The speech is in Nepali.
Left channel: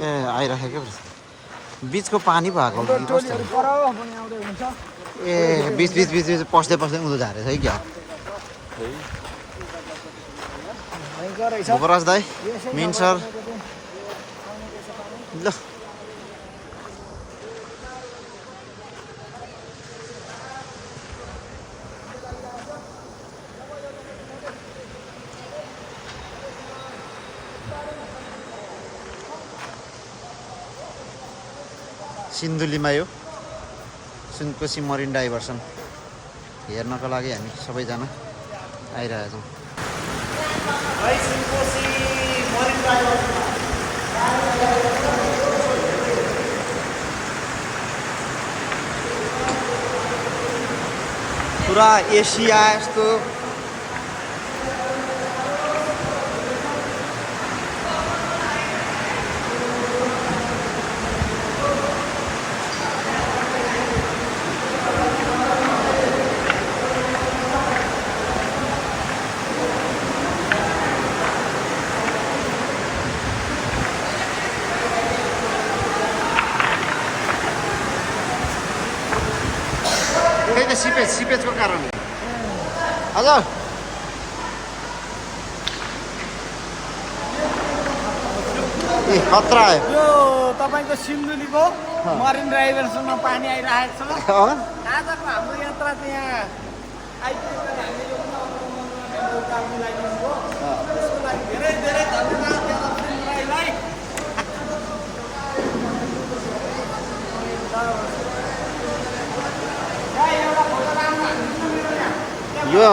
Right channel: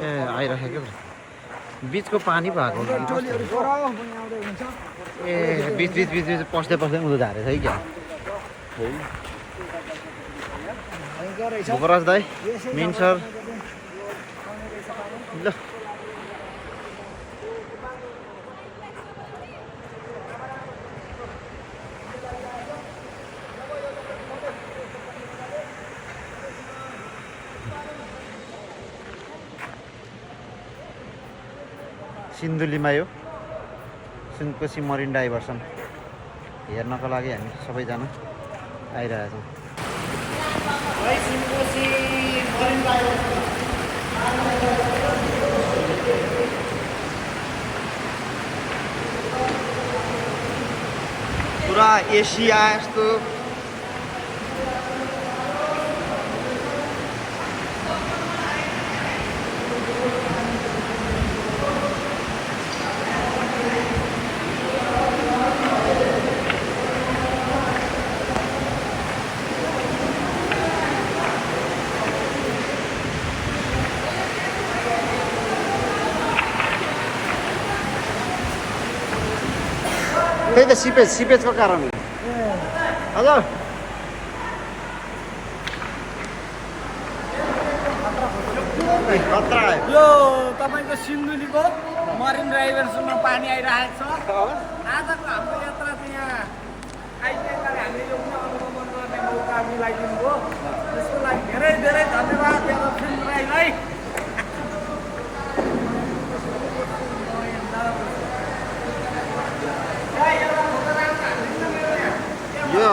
ए आइराखेको बिचको पानी भएको कि कस्तो ए बिच बिच बिच बिच पस्दै पस्दै उँधो झारेछ है क्या भूपराज दाई मेन सर ल सिन्धुलीमा यो सुनकोशी मरिन डाइभर्सन हेर्नको लागि हामी सबैजना आइरहेछौँ पुरा एसिया यस्तो त्यही त सिपेजको कारणले हजुर खतरा यो तपाईँको सिन्धुलीको मरिन ड्राइभरसम्म पानी आइरहेको छ आजको हाम्रो यात्रा चाहिँ यहाँ आइपुग्दाखेरि हामीले यो अवलम्बन गर्ने मौका मिलाइदिनु भयो त्यसको लागि धेरै धेरै धन्यवाद लक्ष्मी राईलाई यो